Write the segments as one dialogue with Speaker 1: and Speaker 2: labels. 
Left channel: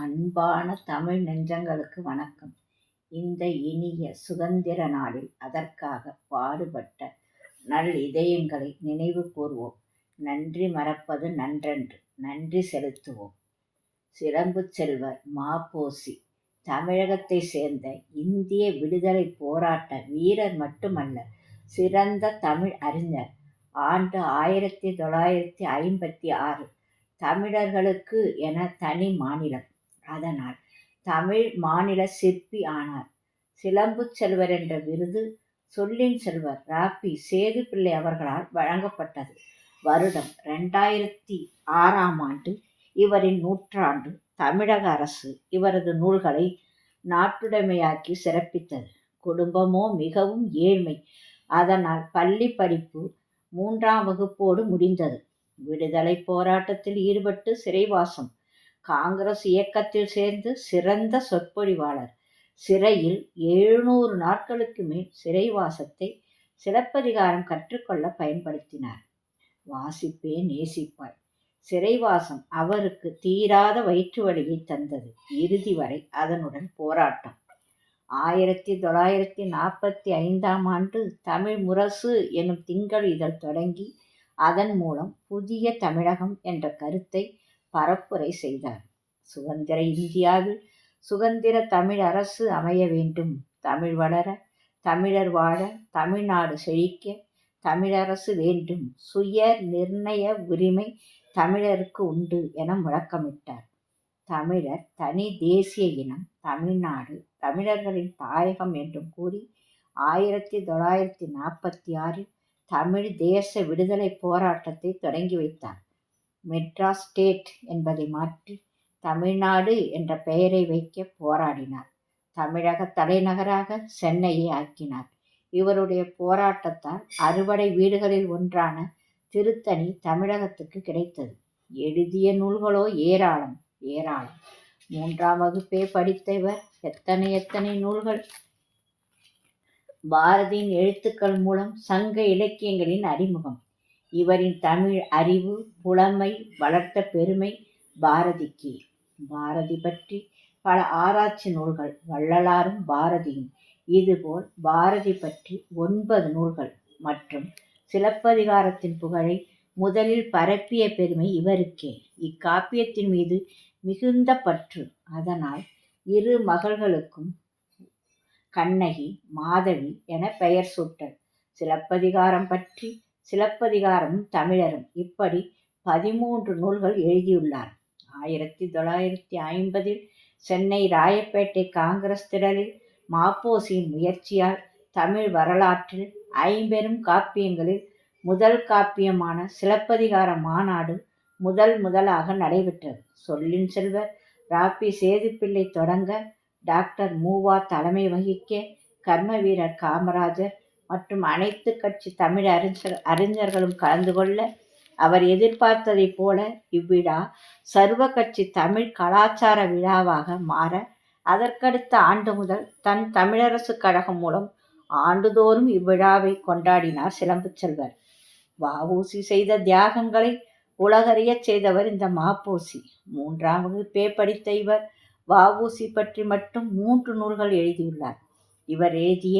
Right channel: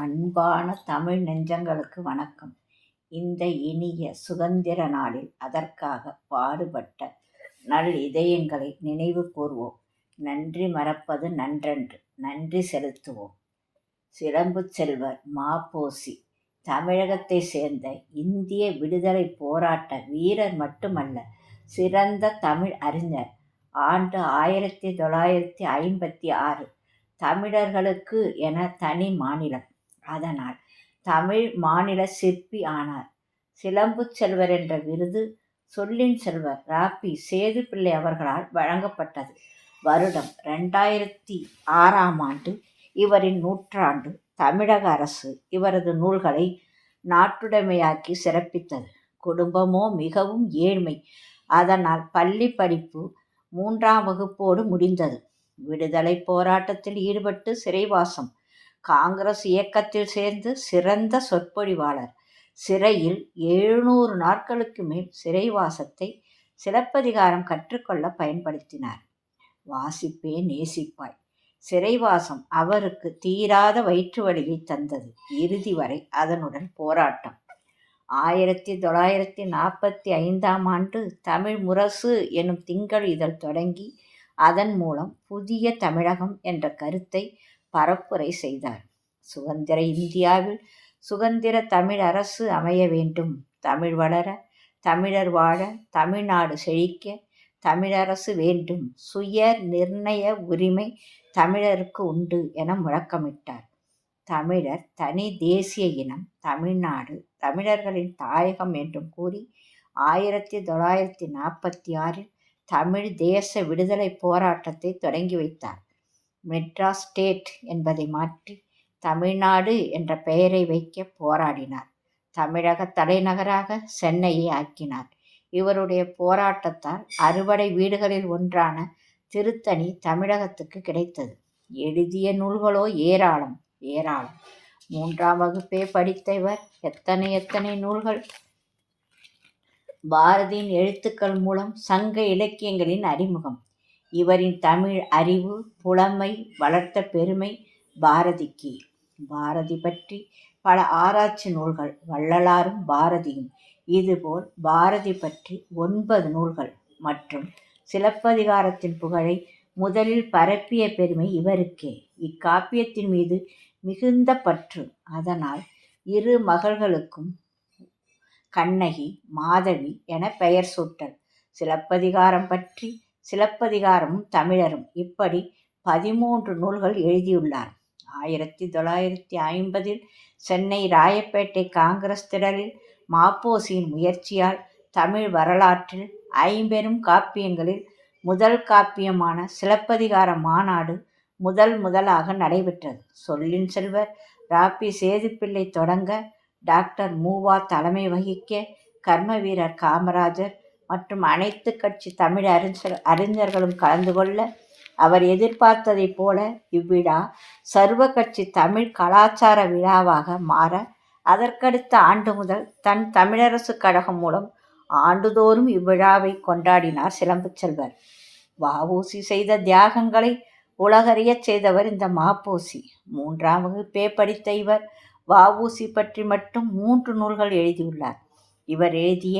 Speaker 1: அன்பான தமிழ் நெஞ்சங்களுக்கு வணக்கம். இந்த இனிய சுதந்திர நாளில் அதற்காக பாடுபட்ட நல் இதயங்களை நினைவு கூர்வோம். நன்றி மறப்பது நன்றன்று. நன்றி செலுத்துவோம். சிலம்பு செல்வர் மாப்போசி தமிழகத்தை சேர்ந்த இந்திய விடுதலை போராட்ட வீரர் மட்டுமல்ல சிறந்த தமிழ் அறிஞர். ஆண்டு ஆயிரத்தி தொள்ளாயிரத்தி ஐம்பத்தி ஆறு தமிழர்களுக்கு என தனி மாநிலம். அதனால் தமிழ் மாநில சிற்பி ஆனார். சிலம்பு செல்வர் என்ற விருது சொல்லின் செல்வர் ராப்பி சேதுப்பிள்ளை அவர்களால் வழங்கப்பட்டது. வருடம் ரெண்டாயிரத்தி ஆறாம் ஆண்டு இவரின் நூற்றாண்டு தமிழக அரசு இவரது நூல்களை நாட்டுடைமையாக்கி சிறப்பித்தது. குடும்பமோ மிகவும் ஏழ்மை. அதனால் பள்ளி படிப்பு மூன்றாம் வகுப்போடு முடிந்தது. விடுதலை போராட்டத்தில் ஈடுபட்டு சிறைவாசம் காங்கிரஸ் இயக்கத்தில் சேர்ந்து சிறந்த சொற்பொழிவாளர். சிறையில் எழுநூறு நாட்களுக்கு மேல் சிறைவாசத்தை சிலப்பதிகாரம் கற்றுக்கொள்ள பயன்படுத்தினார். வாசிப்பே நேசிப்பாய். சிறைவாசம் அவருக்கு தீராத வயிற்று வலியை தந்தது. இறுதி வரை அதனுடன் போராட்டம். ஆயிரத்தி தொள்ளாயிரத்தி நாற்பத்தி ஐந்தாம் ஆண்டு தமிழ் முரசு எனும் திங்கள் இதழ் தொடங்கி அதன் மூலம் புதிய தமிழகம் என்ற கருத்தை பரப்புரை செய்தார். சுதந்திர இந்தியாவில் சுதந்திர தமிழ் அரசு அமைய வேண்டும். தமிழ் வளர தமிழர் வாழ தமிழ்நாடு செழிக்க தமிழரசு வேண்டும். சுய நிர்ணய உரிமை தமிழருக்கு உண்டு என முழக்கமிட்டார். தமிழர் தனி தேசிய இனம் தமிழ்நாடு தமிழர்களின் தாயகம் என்றும் கூறி ஆயிரத்தி தொள்ளாயிரத்தி நாற்பத்தி ஆறில் தமிழ் தேச விடுதலை போராட்டத்தை தொடங்கி வைத்தார். மெட்ராஸ் ஸ்டேட் என்பதை மாற்றி தமிழ்நாடு என்ற பெயரை வைக்க போராடினார். தமிழக தலைநகராக சென்னையை ஆக்கினார். இவருடைய போராட்டத்தால் அறுவடை வீடுகளில் ஒன்றான திருத்தணி தமிழகத்துக்கு கிடைத்தது. எழுதிய நூல்களோ ஏராளம் ஏராளம். மூன்றாம் வகுப்பே படித்த இவர் எத்தனை எத்தனை நூல்கள்? பாரதியின் எழுத்துக்கள் மூலம் சங்க இலக்கியங்களின் அறிமுகம். இவரின் தமிழ் அறிவு புலமை வளர்த்த பெருமை பாரதிக்கு. பாரதி பற்றி பல ஆராய்ச்சி நூல்கள் வள்ளலாரும் பாரதியும். இதுபோல் பாரதி பற்றி ஒன்பது நூல்கள் மற்றும் சிலப்பதிகாரத்தின் புகழை முதலில் பரப்பிய பெருமை இவருக்கே. இக்காப்பியத்தின் மீது மிகுந்த பற்று. அதனால் இரு மகள்களுக்கும் கண்ணகி மாதவி என பெயர் சூட்டல். சிலப்பதிகாரம் பற்றி சிலப்பதிகாரமும் தமிழரும் இப்படி பதிமூன்று நூல்கள் எழுதியுள்ளார். ஆயிரத்தி தொள்ளாயிரத்தி ஐம்பதில் சென்னை ராயப்பேட்டை காங்கிரஸ் திடலில் மாப்போசியின் முயற்சியால் தமிழ் வரலாற்றில் ஐம்பெரும் காப்பியங்களில் முதல் காப்பியமான சிலப்பதிகார மாநாடு முதல் முதலாக நடைபெற்றது. சொல்லின் செல்வர் ராப்பி சேதுப்பிள்ளை தொடங்க டாக்டர் மூவா தலைமை வகிக்க கர்மவீரர் காமராஜர் மற்றும் அனைத்து கட்சி தமிழ் அறிஞர் அறிஞர்களும் கலந்து கொள்ள அவர் எதிர்பார்த்ததைப் போல இவ்விழா சர்வ கட்சி தமிழ் கலாச்சார விழாவாக மாற அதற்கடுத்த ஆண்டு முதல் தன் தமிழரசு கழகம் மூலம் ஆண்டுதோறும் இவ்விழாவை கொண்டாடினார் சிலம்பு செல்வர். வஉசி செய்த தியாகங்களை உலகறியச் செய்தவர் இந்த மாப்போசி. மூன்றாம் வகுப்பே படித்த இவர் வஉசி பற்றி மட்டும் மூன்று நூல்கள் எழுதியுள்ளார். இவர் எழுதிய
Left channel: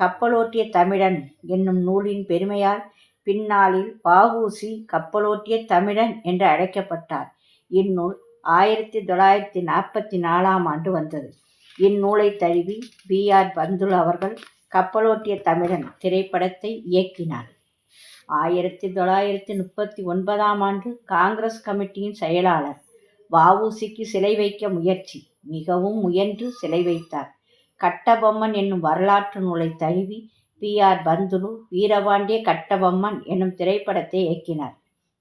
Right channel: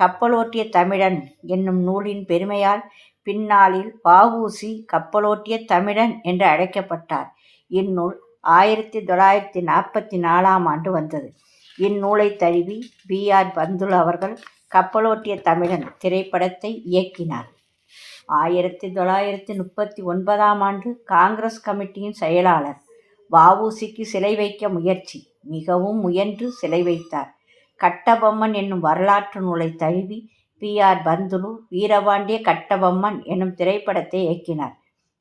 Speaker 1: கப்பலோட்டிய தமிழன் என்னும் நூலின் பெருமையால் பின்னாளில் வஉசி கப்பலோட்டிய தமிழன் என்று அழைக்கப்பட்டார். இந்நூல் ஆயிரத்தி தொள்ளாயிரத்தி நாற்பத்தி நாலாம் ஆண்டு வந்தது. இந்நூலை தழுவி பி. ஆர். பந்துல் அவர்கள் கப்பலோட்டிய தமிழன் திரைப்படத்தை இயக்கினார். ஆயிரத்தி தொள்ளாயிரத்தி முப்பத்தி ஒன்பதாம் ஆண்டு காங்கிரஸ் கமிட்டியின் செயலாளர் வாவூசிக்கு சிலை வைக்க முயற்சி மிகவும் முயன்று சிலை வைத்தார். கட்டபொம்மன் என்னும் வரலாற்று நூலை தழுவி பி ஆர் பந்துலு வீரபாண்டிய கட்டபொம்மன் என்னும் திரைப்படத்தை இயக்கினார்.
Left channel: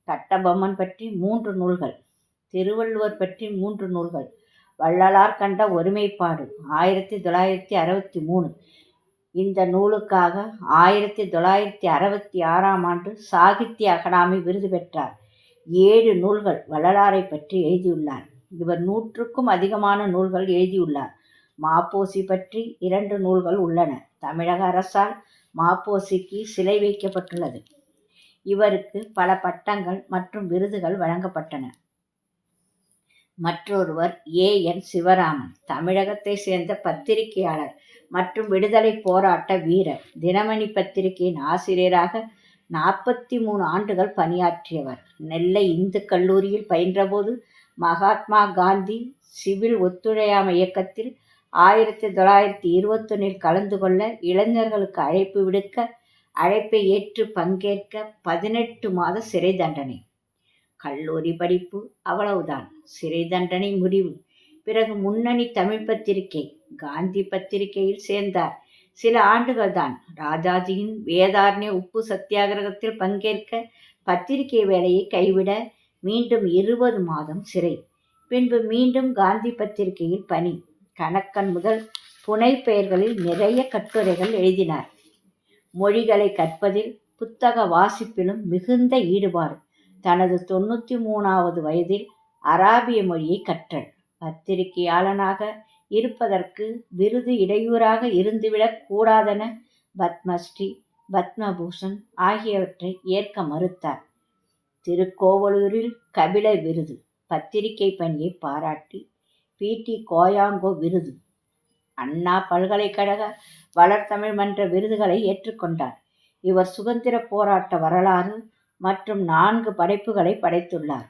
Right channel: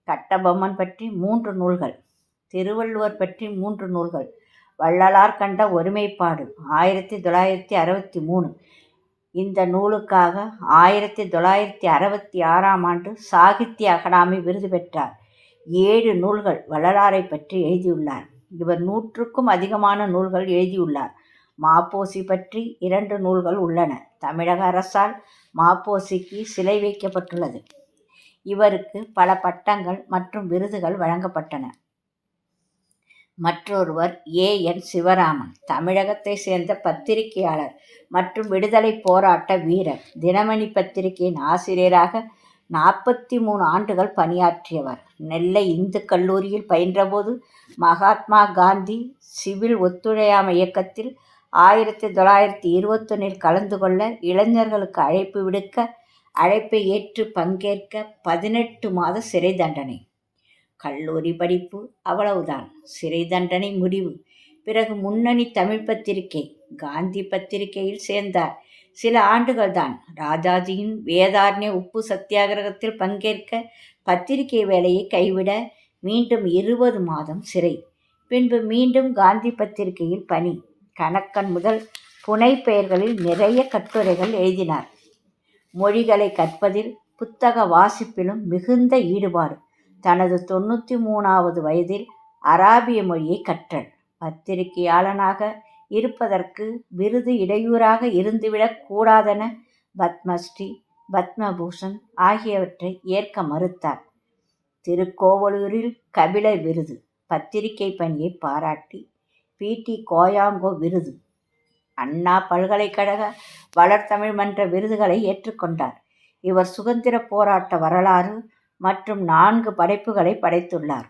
Speaker 1: கட்டபொம்மன் பற்றி மூன்று நூல்கள் திருவள்ளுவர் பற்றி மூன்று நூல்கள் வள்ளலார் கண்ட ஒருமைப்பாடு ஆயிரத்தி தொள்ளாயிரத்தி அறுபத்தி மூணு. இந்த நூலுக்காக ஆயிரத்தி தொள்ளாயிரத்தி அறுபத்தி ஆறாம் ஆண்டு சாகித்ய அகாடமி விருது பெற்றார். ஏழு நூல்கள் வள்ளலாரை பற்றி எழுதியுள்ளார். இவர் நூற்றுக்கும் அதிகமான நூல்கள் எழுதியுள்ளார். மாப்போசி பற்றி இரண்டு நூல்கள் உள்ளன. தமிழக அரசால் மாப்போசிக்கு சிலை வைக்கப்பட்டுள்ளது. இவருக்கு பல பட்டங்கள் மற்றும் விருதுகள் வழங்கப்பட்டன. மற்றொருவர் ஏ. என். சிவராமன். தமிழகத்தை சேர்ந்த பத்திரிகையாளர் மற்றும் விடுதலை போராட்ட வீரர். தினமணி பத்திரிகையின் ஆசிரியராக நாற்பத்தி மூணு ஆண்டுகள் பணியாற்றியவர். நெல்லை இந்து கல்லூரியில் பயின்றபோது மகாத்மா காந்தி சிவில் ஒத்துழையாமை இயக்கத்தில் ஆயிரத்தி தொள்ளாயிரத்தி இருபத்தொன்னில் கலந்து கொள்ள இளைஞர்களுக்கு அழைப்பு விடுக்க அழைப்பை ஏற்று பங்கேற்க பதினெட்டு மாத சிறை தண்டனை. கல்லூரி படிப்பு அவ்வளவுதான். சிறை தண்டனை முடிவு. பிறகு முன்னணி தமிழ் பத்திரிகை காந்தி பத்திரிகையில் சேர்ந்தார். சில ஆண்டுகள்தான். ராஜாஜியின் வேதாரண்ய உப்பு சத்தியாகிரகத்தில் பங்கேற்க பத்திரிகை வேலையை கைவிட மீண்டும் இருபது மாதம் சிறை. பின்பு மீண்டும் காந்தி பத்திரிகையில் பணி. கணக்கன் முதல் புனை பெயர்களில் நிறைய கட்டுரைகள் எழுதினார். மொழிகளை கற்பதில் புத்தக வாசிப்பிலும் மிகுந்த ஈடுபாடு. தனது தொண்ணூற்றி மூணாவது வயதில் அராபிய மொழியை கற்றல் பத்திரிகையாளனாக இருப்பதற்கு விருது இடையூறாக இருந்துவிடக் கூடாதென பத்மஸ்ரீ பத்மபூஷன் ஆகியவற்றை ஏற்க மறுத்தார். திருக்கோவலூரில் கபில விருது பத்திரிகை பணியை பாராட்டி பிடி கோயாங்கோ விருது. அண்ணா பல்கலைக்கழக வளர்த்தமிழ் மன்ற விருதுகளை ஏற்றுக்கொண்டார். இவர் சுதந்திர போராட்ட வரலாறு மற்றும் நான்கு படைப்புகளை படைத்துள்ளார்.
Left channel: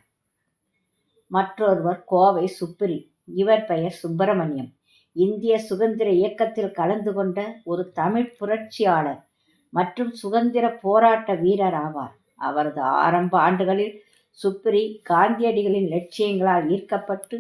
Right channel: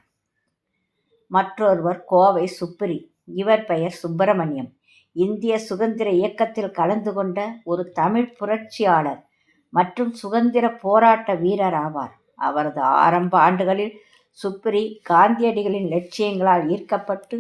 Speaker 1: மற்றொருவர் கோவை சுப்பிரி இவர் பெயர் சுப்பிரமணியம். இந்திய சுதந்திர இயக்கத்தில் கலந்து கொண்ட ஒரு தமிழ் புரட்சியாளர் மற்றும் சுதந்திர போராட்ட வீரர் ஆவார். அவரது ஆரம்ப ஆண்டுகளில் சுப்ரி காந்தியடிகளின் லட்சியங்களால் ஈர்க்கப்பட்டு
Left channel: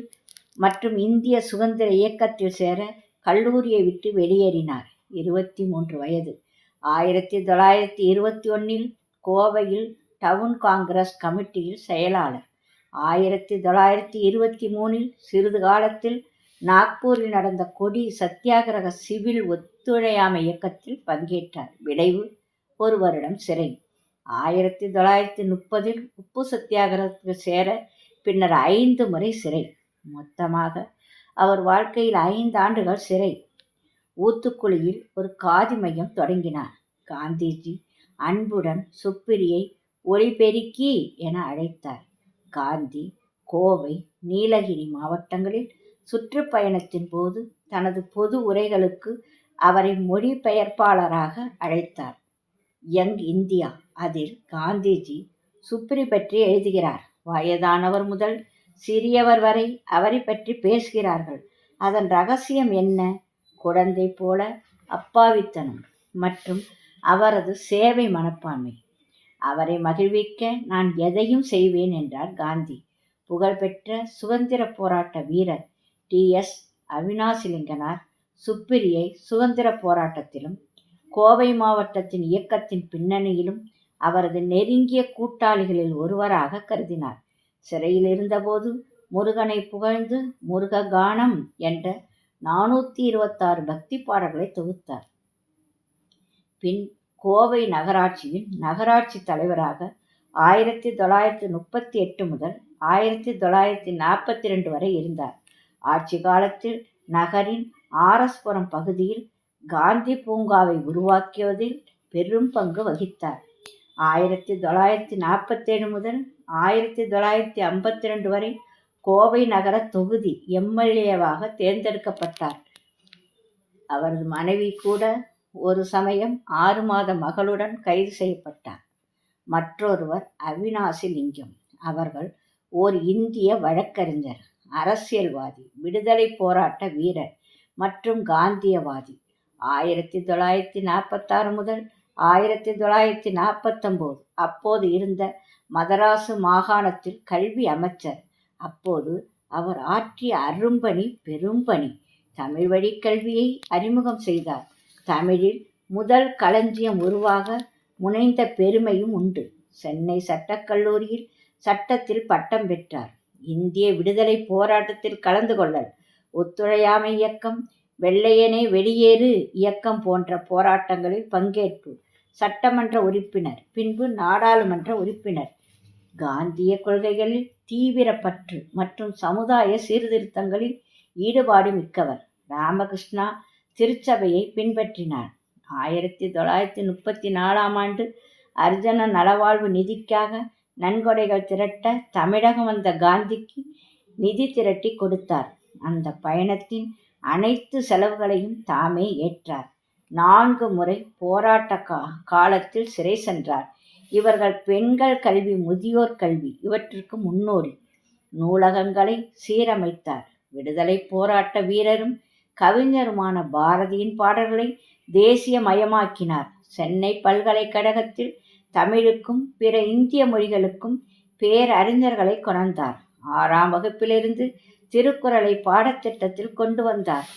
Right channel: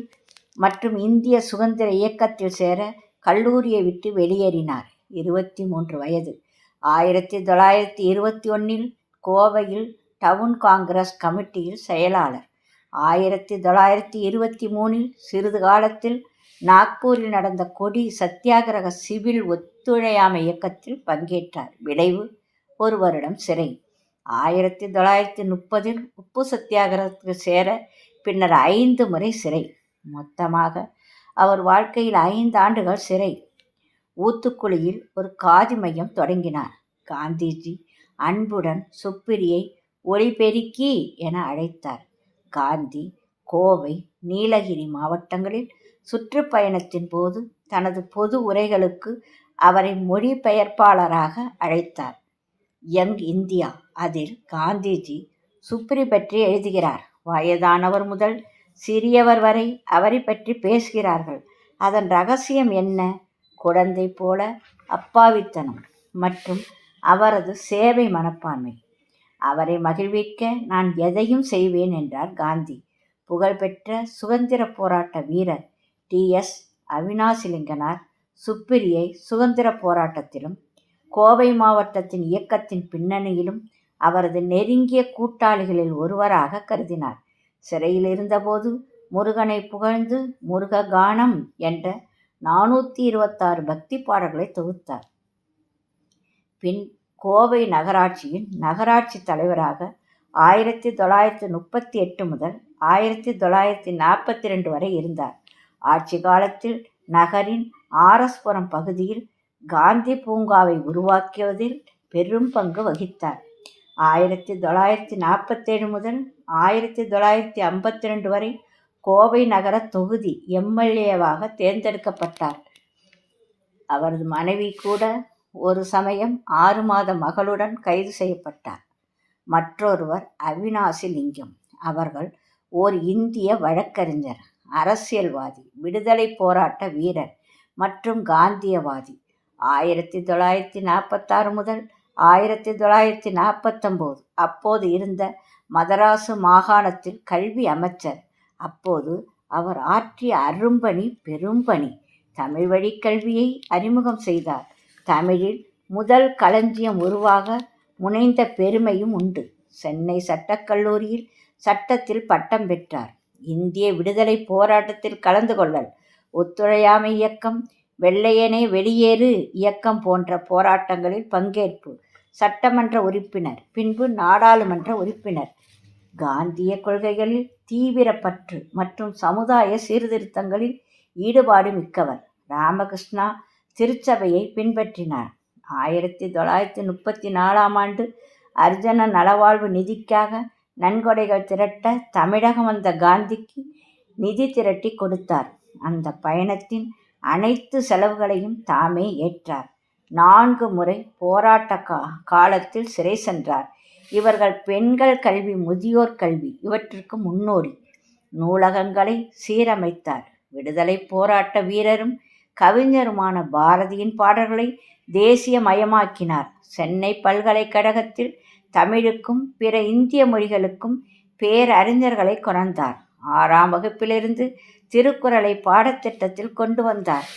Speaker 1: மற்றும் இந்திய சுதந்திர இயக்கத்தில் சேர கல்லூரியை விட்டு வெளியேறினார். இருபத்தி மூன்று வயது. ஆயிரத்தி தொள்ளாயிரத்தி இருபத்தி ஒன்றில் கோவையில் டவுன் காங்கிரஸ் கமிட்டியில் செயலாளர். ஆயிரத்தி தொள்ளாயிரத்தி இருபத்தி மூணில் சிறிது காலத்தில் நாக்பூரில் நடந்த கொடி சத்தியாகிரக சிவில் ஒத்துழையாமை இயக்கத்தில் பங்கேற்றார். விளைவு ஒரு வருடம் சிறை. ஆயிரத்தி தொள்ளாயிரத்தி முப்பதில் உப்பு சத்தியாகிரகத்துக்கு சேர பின்னர் ஐந்து முறை சிறை. மொத்தமாக. அவர் வாழ்க்கையில் ஐந்து ஆண்டுகள் சிறை. ஊத்துக்குழியில் ஒரு காதி மையம் தொடங்கினார். காந்திஜி அன்புடன் சுப்பிரியை ஒளிபெருக்கி என அழைத்தார். காந்தி கோவை நீலகிரி மாவட்டங்களில் சுற்றுப்பயணத்தின் போது தனது பொது உரைகளுக்கு அவரை மொழிபெயர்ப்பாளராக அழைத்தார். யங் இந்தியா அதில் காந்திஜி சுப்ரி பற்றி எழுதுகிறார். வயதானவர் முதல் சிறியவர் வரை அவரை பற்றி பேசுகிறார்கள். அதன் ரகசியம் என்ன? குழந்தை போல அப்பாவித்தனம் மற்றும் அவரது சேவை மனப்பான்மை. அவரை மகிழ்விக்க நான் எதையும் செய்வேன் என்றார் காந்தி. புகழ்பெற்ற சுதந்திர போராட்ட வீரர் டி. எஸ். அவினாசிலிங்கனார் சுப்பிரியை சுதந்திர போராட்டத்திலும் கோவை மாவட்டத்தின் இயக்கத்தின் பின்னணியிலும் அவரது நெருங்கிய கூட்டாளிகளில் ஒருவராக கருதினார். சிறையில் இருந்தபோது முருகனை புகழ்ந்து முருக கானம் என்ற நானூற்றி இருபத்தாறு பக்தி பாடல்களை தொகுத்தார். பின் கோவை நகராட்சியின் நகராட்சி தலைவராக ஆயிரத்தி தொள்ளாயிரத்தி முப்பத்தி எட்டு முதல் ஆயிரத்தி தொள்ளாயிரத்தி நாற்பத்தி ரெண்டு வரை இருந்தார். ஆட்சி காலத்தில் நகரின் ஆரஸ்புரம் பகுதியில் காந்தி பூங்காவை உருவாக்கியதில் பெரும் பங்கு வகித்தார். ஆயிரத்தி தொள்ளாயிரத்தி நாற்பத்தேழு முதல் ஆயிரத்தி தொள்ளாயிரத்தி ஐம்பத்தி ரெண்டு வரை கோவை நகர தொகுதி எம்எல்ஏவாக தேர்ந்தெடுக்கப்பட்டார். அவரது மனைவி கூட ஒரு சமயம் ஆறு மாத மகளுடன் கைது செய்யப்பட்டார். மற்றொருவர் அவினாசி லிங்கம். அவர்கள் ஓர் இந்திய வழக்கறிஞர் அரசியல்வாதி விடுதலை போராட்ட வீரர் மற்றும் காந்தியவாதி. ஆயிரத்தி தொள்ளாயிரத்தி நாற்பத்தாறு முதல் ஆயிரத்தி தொள்ளாயிரத்தி நாற்பத்தொம்போது அப்போது இருந்த மதராசு மாகாணத்தில் கல்வி அமைச்சர். அப்போது அவர் ஆற்றிய அரும்பணி பெரும்பணி தமிழ் வழி கல்வியை அறிமுகம் செய்தார். தமிழில் முதல் களஞ்சியம் உருவாக முனைந்த பெருமையும் உண்டு. சென்னை சட்டக்கல்லூரியில் சட்டத்தில் பட்டம் பெற்றார். இந்திய விடுதலை போராட்டத்தில் கலந்து கொள்ளல் ஒத்துழையாமை இயக்கம் வெள்ளையனே வெளியேறு இயக்கம் போன்ற போராட்டங்களில் பங்கேற்பு சட்டமன்ற உறுப்பினர் பின்பு நாடாளுமன்ற உறுப்பினர் காந்திய கொள்கைகளில் தீவிர பற்று மற்றும் சமுதாய சீர்திருத்தங்களில் ஈடுபாடு மிக்கவர் ராமகிருஷ்ணா திருச்சபையை பின்பற்றினார். ஆயிரத்தி தொள்ளாயிரத்தி முப்பத்தி நாலாம் ஆண்டு அர்ஜன நலவாழ்வு நிதிக்காக நன்கொடைகள் திரட்ட தமிழகம் வந்த காந்திக்கு நிதி திரட்டி கொடுத்தார். அந்த பயணத்தின் அனைத்து செலவுகளையும் தாமே ஏற்றார். நான்கு முறை போராட்ட கா காலத்தில் சிறை சென்றார். இவர்கள் பெண்கள் கல்வி முதியோர் கல்வி இவற்றிற்கு முன்னோடி. நூலகங்களை சீரமைத்தார். விடுதலை போராட்ட வீரரும் கவிஞருமான பாரதியின் பாடல்களை தேசியமயமாக்கினார். சென்னை பல்கலைக்கழகத்தில் தமிழுக்கும் பிற இந்திய மொழிகளுக்கும் பேரறிஞர்களை கொணர்ந்தார். ஆறாம் வகுப்பிலிருந்து திருக்குறளை பாடத்திட்டத்தில் கொண்டு வந்தார்.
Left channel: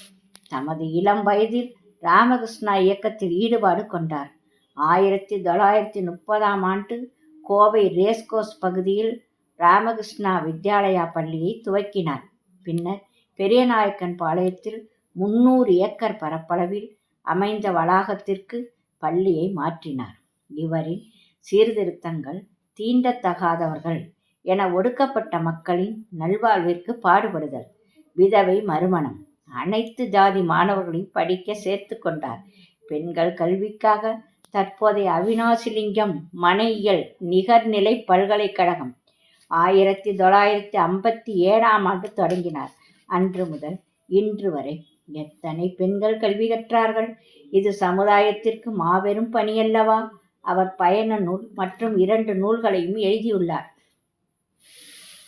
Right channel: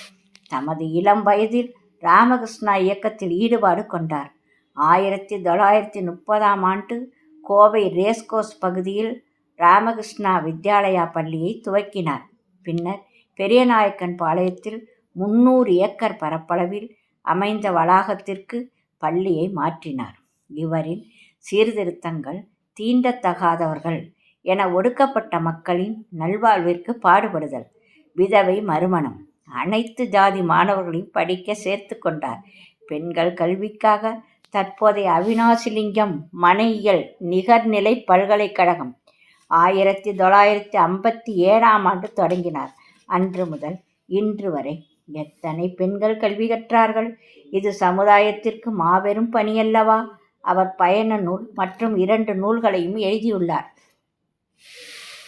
Speaker 1: தமது இளம் வயதில் ராமகிருஷ்ணா இயக்கத்தில் ஈடுபாடு கொண்டார். ஆயிரத்தி தொள்ளாயிரத்தி முப்பதாம் ஆண்டு கோவை ரேஸ்கோஸ் பகுதியில் ராமகிருஷ்ணா வித்யாலயா பள்ளியை துவக்கினார். பின்னர் பெரியநாயக்கன் பாளையத்தில் முன்னூறு ஏக்கர் பரப்பளவில் அமைந்த வளாகத்திற்கு பள்ளியை மாற்றினார். இவரின் சீர்திருத்தங்கள் தீண்டத்தகாதவர்கள் என ஒடுக்கப்பட்ட மக்களின் நல்வாழ்விற்கு பாடுபடுதல் விதவை மறுமணம் அனைத்து ஜாதி மாணவர்களையும் படிக்க சேர்த்து கொண்டார். பெண்கள் கல்விக்காக தற்போதைய அவினாசிலிங்கம் மனையியல் நிகர்நிலை பல்கலைக்கழகம். ஆயிரத்தி தொள்ளாயிரத்தி ஐம்பத்தி ஏழாம் ஆண்டு தொடங்கினார். அன்று முதல் இன்று வரை எத்தனை பெண்கள் கல்வி கற்றார்கள்? இது சமுதாயத்திற்கு மாபெரும் பணியல்லவா? அவர் பயண நூல் மற்றும் இரண்டு நூல்களையும் எழுதியுள்ளார்.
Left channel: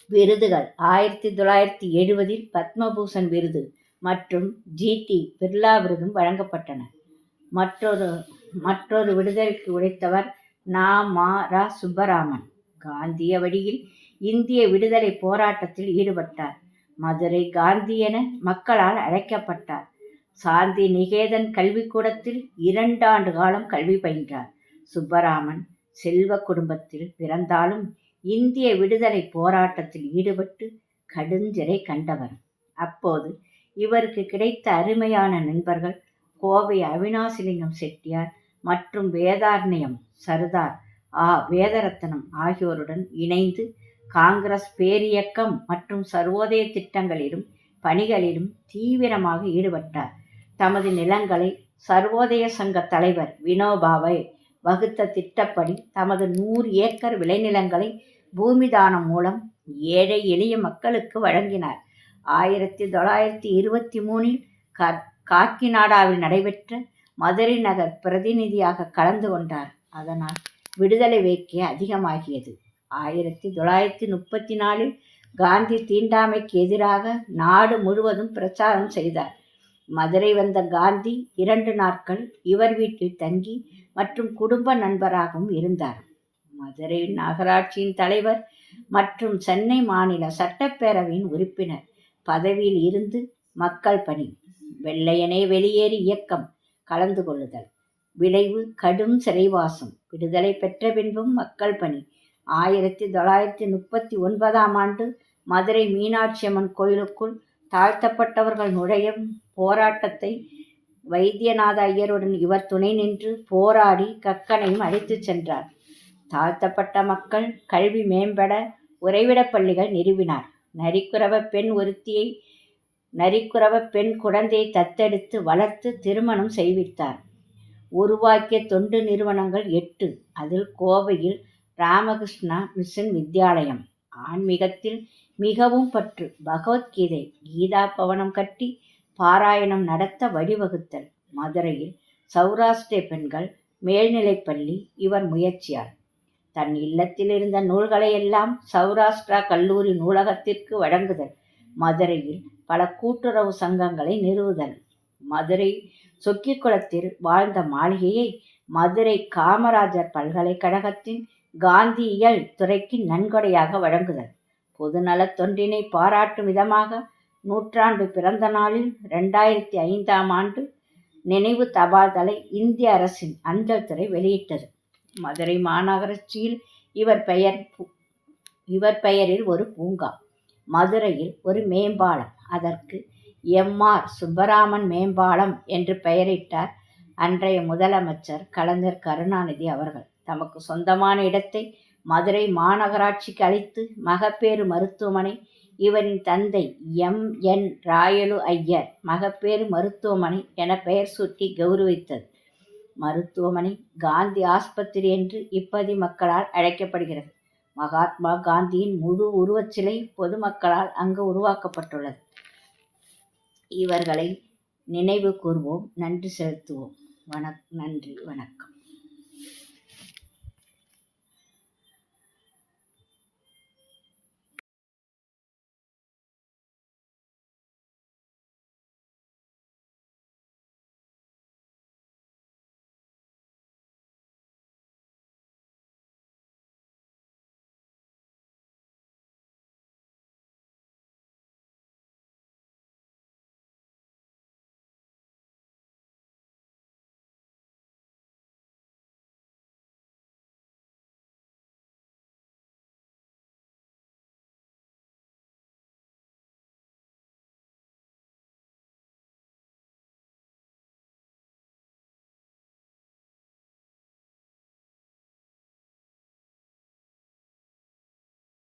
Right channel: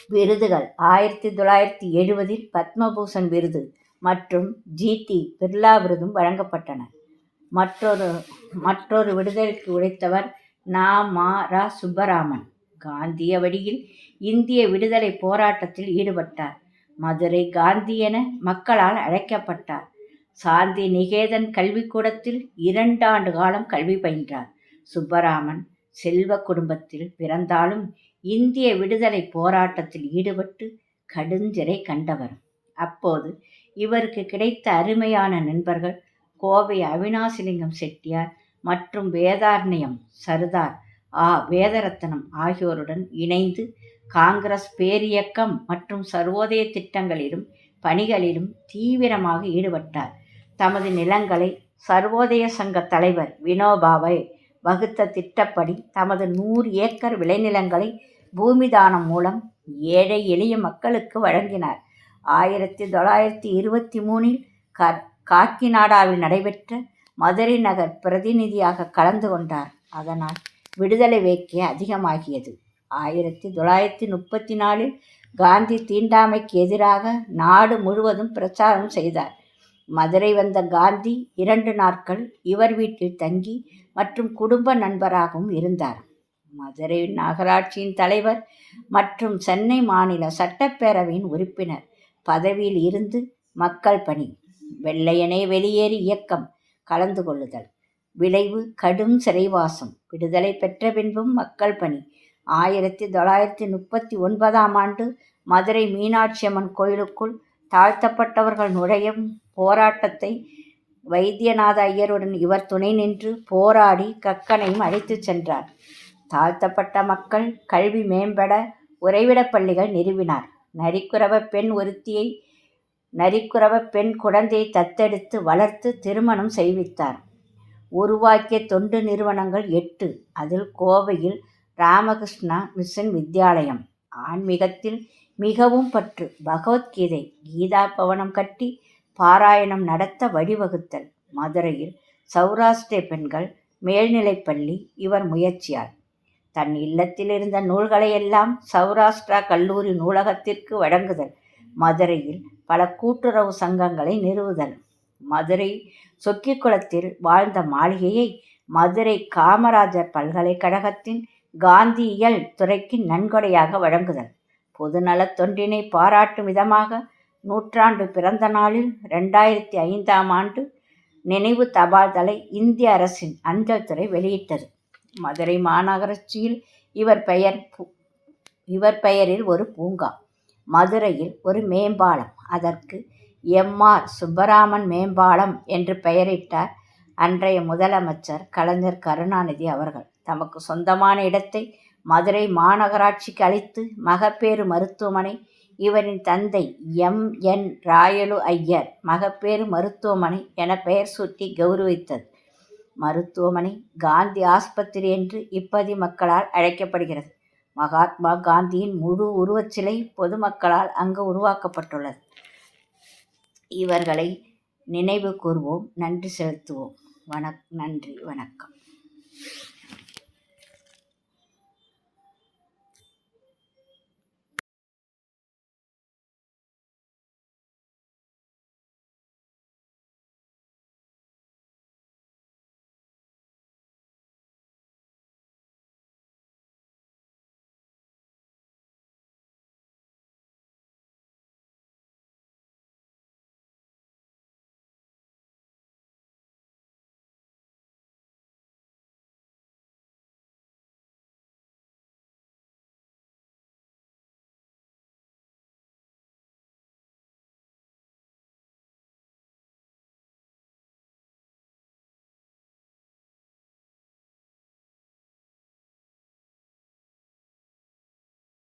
Speaker 1: விருதுகள் ஆயிரத்தி தொள்ளாயிரத்தி எழுபதில் பத்மபூஷன் விருது மற்றும் ஜிடி பிர்லா விருதும் வழங்கப்பட்டன. மற்றொரு மற்றொரு விடுதலைக்கு உழைத்தவர் நா. மா. ரா. சுப்பராமன். காந்திய வழியில் இந்திய விடுதலை போராட்டத்தில் ஈடுபட்டார். மதுரை காந்தி என மக்களால் அழைக்கப்பட்டார். சாந்தி நிகேதன் கல்விக்கூடத்தில் இரண்டாண்டு காலம் கல்வி பயின்றார். சுப்பராமன் செல்வ குடும்பத்தில் பிறந்தாலும் இந்திய விடுதலை போராட்டத்தில் ஈடுபட்டு கடுஞ்சிறை கண்டவர். அப்போது இவருக்கு கிடைத்த அருமையான நண்பர்கள் கோவை அவினாசிலிங்கம் செட்டியார் மற்றும் வேதாரண்யம் சர்தார் ஆ. வேதரத்னம் ஆகியோருடன் இணைந்து காங்கிரஸ் பேரியக்கம் மற்றும் சர்வோதய திட்டங்களிலும் பணிகளிலும் தீவிரமாக ஈடுபட்டார். தமது நிலங்களை சர்வோதய சங்க தலைவர் வினோபாவை வகுத்த திட்டப்படி தமது நூறு ஏக்கர் விளைநிலங்களை பூமிதானம் மூலம் ஏழை எளிய மக்களுக்கு வழங்கினார். ஆயிரத்தி தொள்ளாயிரத்தி இருபத்தி மூணில் கர் காக்கிநாடாவில் நடைபெற்ற மதுரை நகர் பிரதிநிதியாக கலந்து கொண்டார். அதனால் விடுதலை வேட்கை அதிகமாகியது. ஆயிரத்தி தொள்ளாயிரத்தி முப்பத்தி நாலில் காந்தி தீண்டாமைக்கு எதிராக நாடு முழுவதும் பிரச்சாரம் செய்தார். மதுரை வந்த காந்தி இரண்டு நாட்கள் இவர் வீட்டில் தங்கி மற்றும் குடும்ப நண்பராகவும் இருந்தார். மதுரை நகராட்சியின் தலைவர் மற்றும் சென்னை மாநில சட்டப்பேரவையின் உறுப்பினர் பதவியில் இருந்து மக்கள் பணி. வெள்ளையனே வெளியேறி இயக்கம் கலந்து கொள்ளுதல். விளைவு கடும் சிறைவாசம். விடுதலை பெற்ற பின்பும் மக்கள் பணி. ஆயிரத்தி தொள்ளாயிரத்தி முப்பத்தி ஒன்பதாம் ஆண்டு மதுரை மீனாட்சி அம்மன் கோயிலுக்குள் தாழ்த்தப்பட்டவர்கள் நுழையும் போராட்டத்தை வைத்தியநாத ஐயருடன் இவர் துணை நின்று போராடி கக்கனையும் அழைத்துச் சென்றார். தாழ்த்தப்பட்ட மக்கள் கல்வி மேம்பட உறைவிடப் பள்ளிகள் நிறுவினார். நரிக்குறவ பெண் ஒருத்தியை நரிக்குறவ பெண் குழந்தையை தத்தெடுத்து வளர்த்து திருமணம் செய்வித்தார். உருவாக்கிய தொண்டு நிறுவனங்கள் எட்டு. அதில் கோவையில் ராமகிருஷ்ணா மிஷன் வித்யாலயம். ஆன்மீகத்தில் மிகவும் பற்று. பகவத்கீதை கீதா பவனம் கட்டி பாராயணம் நடத்த வழிவகுத்தல். மதுரையில் சௌராஷ்டிர பெண்கள் மேல்நிலைப்பள்ளி இவர் முயற்சியார். தன் இல்லத்தில் இருந்த நூல்களை எல்லாம் சௌராஷ்டிரா கல்லூரி நூலகத்திற்கு வழங்குதல். மதுரையில் பல கூட்டுறவு சங்கங்களை நிறுவுதல். மதுரை சொக்கிக்குளத்தில் வாழ்ந்த மாளிகையை மதுரை காமராஜர் பல்கலைக்கழகத்தின் காந்தியியல் துறைக்கு நன்கொடையாக வழங்குதல். பொதுநலத் தொண்டினை பாராட்டும் விதமாக நூற்றாண்டு பிறந்த நாளில் ரெண்டாயிரத்தி ஐந்தாம் ஆண்டு நினைவு தபால்தலை இந்திய அரசின் அஞ்சல் துறை வெளியிட்டது. மதுரை மாநகராட்சியில் இவர் பெயர் இவர் பெயரில் ஒரு பூங்கா. மதுரையில் ஒரு மேம்பாலம். அதற்கு எம்ஆர் சுப்பராமன் மேம்பாலம் என்று பெயரிட்டார் அன்றைய முதலமைச்சர் கலைஞர் கருணாநிதி அவர்கள். தமக்கு சொந்தமான இடத்தை மதுரை மாநகராட்சிக்கு அளித்து மகப்பேறு மருத்துவமனை இவரின் தந்தை எம். என். ராயலு ஐயர் மகப்பேறு மருத்துவமனை என பெயர் சூட்டி கௌரவித்தது. மருத்துவமனை காந்தி ஆஸ்பத்திரி என்று இப்பதி மக்களால் அழைக்கப்படுகிறது. மகாத்மா காந்தியின் முழு உருவச்சிலை பொதுமக்களால் அங்கு உருவாக்கப்பட்டுள்ளது. இவர்களை நினைவு கூர்வோம். நன்றி செலுத்துவோம். வணக் நன்றி. வணக்கம்.